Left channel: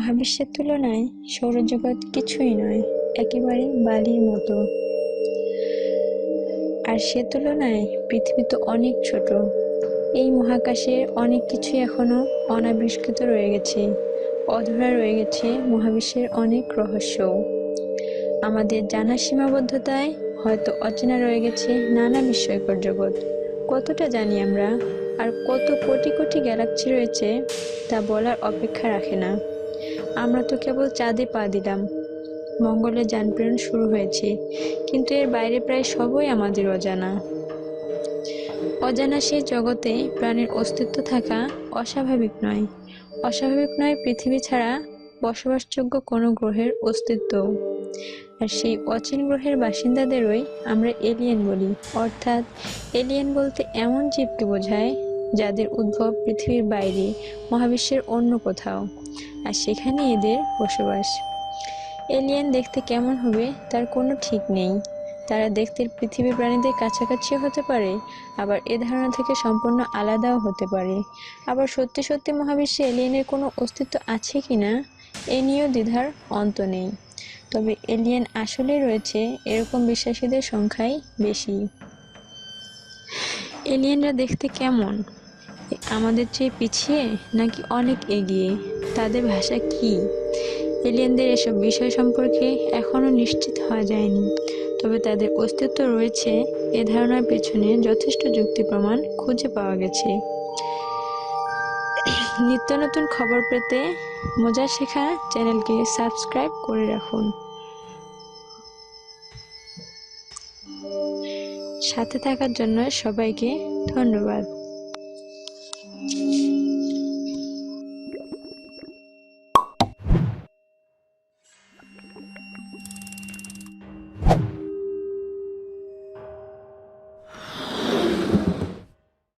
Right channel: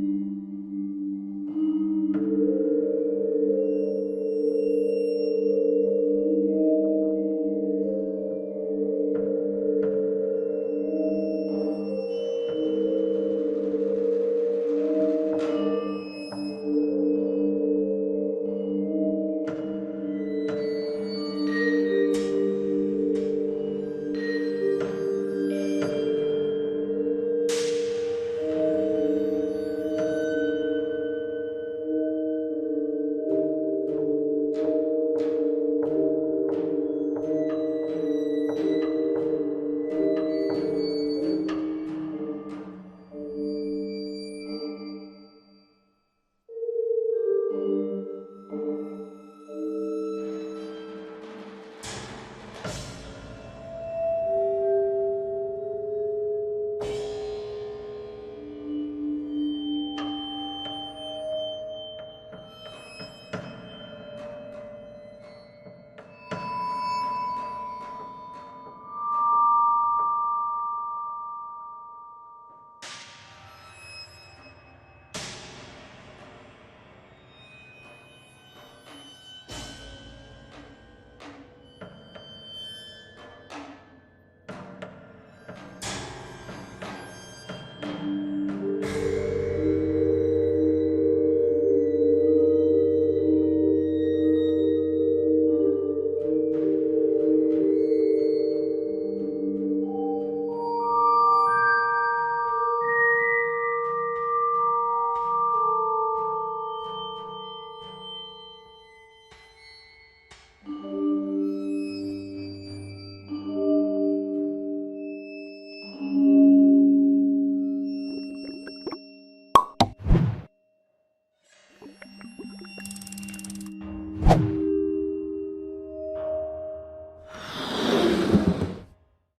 মহাবিশ্বের তুলনায় সৌরজগৎ কিছুই নয়, একেবারে বালির মতো। আর সে তুলনায় পৃথিবী তো অনেক ছোট। এই মহাকাশের অনেক কিছুই এখনো অনাবিষ্কৃত রয়ে গেছে, অধরা রয়ে গেছে মহাবিশ্বের অনেক রহস্যও। আমাদের জানার সীমাবদ্ধতায় হয়তো অচেনা রয়ে গেছে নানা বিস্ময়কর জগৎ। কতটা জানি আমরা, আর কত কোটি কোটি গ্যালাক্সি রয়েছে তা বলার অপেক্ষা রাখে না। আমরা তো কেবল চাঁদে পা দিলাম, মঙ্গলে যান প্রেরণ শুরু হয়েছে, কিন্তু এর বাইরে প্রায় সবই আমাদের অজানা। অজানা সেই জগতে প্রাণের অস্তিত্ব থাকা অস্বাভাবিক নয়। অস্বাভাবিক নয় পৃথিবী ছাড়া বসবাসযোগ্য কোনো গ্রহের অস্তিত্ব। আর সেই অচিন গ্রহের বাসিন্দাদেরই আমরা এলিয়েন বলি। অর্থাৎ এলিয়েন বলতে এমন জীবকে বোঝায় যাদের উদ্ভব পৃথিবীর বাইরে, মহাবিশ্বের অন্য কোথাও, আর সেখানে এদের বসবাস। এলিয়েন দেখতে কেমন হবে তার কোনো ঠিক নেই। তারা দেখতে পৃথিবীর প্রাণীদের কাছাকাছিও হতে পারে, আবার এ ধারণা থেকে সম্পূর্ণ আলাদাও হতে পারে। আবার সত্যি সত্যি মহাবিশ্বে এলিয়েনের কোনো অস্তিত্ব আছে কিনা এ নিয়েও দ্বিধার অন্ত নেই। তবে এলিয়েন আসলেই রয়েছে এরকম বিশ্বাসীদের সংখ্যাই বেশি। এলিয়েনরা দেখতে কেমন? আমাদের চেয়ে পিছিয়ে নাকি অনেক এগিয়ে? তাদের ভাষা কি? এলিয়েনদের এসব বিষয় সম্পর্কে এখনো নিশ্চিত হওয়া যায়নি। তবে তাদের অস্তিত্ব রয়েছে এ ধারণার পেছনে যথেষ্ট যুক্তি প্রমাণ খুঁজে পাওয়া গেছে। নিত্য নতুন খবর পেতে মজা শেখা চ্যানেলকে সাবস্ক্রাইব করে রাখুন। সাথে থাকার জন্য সবাইকে ধন্যবাদ।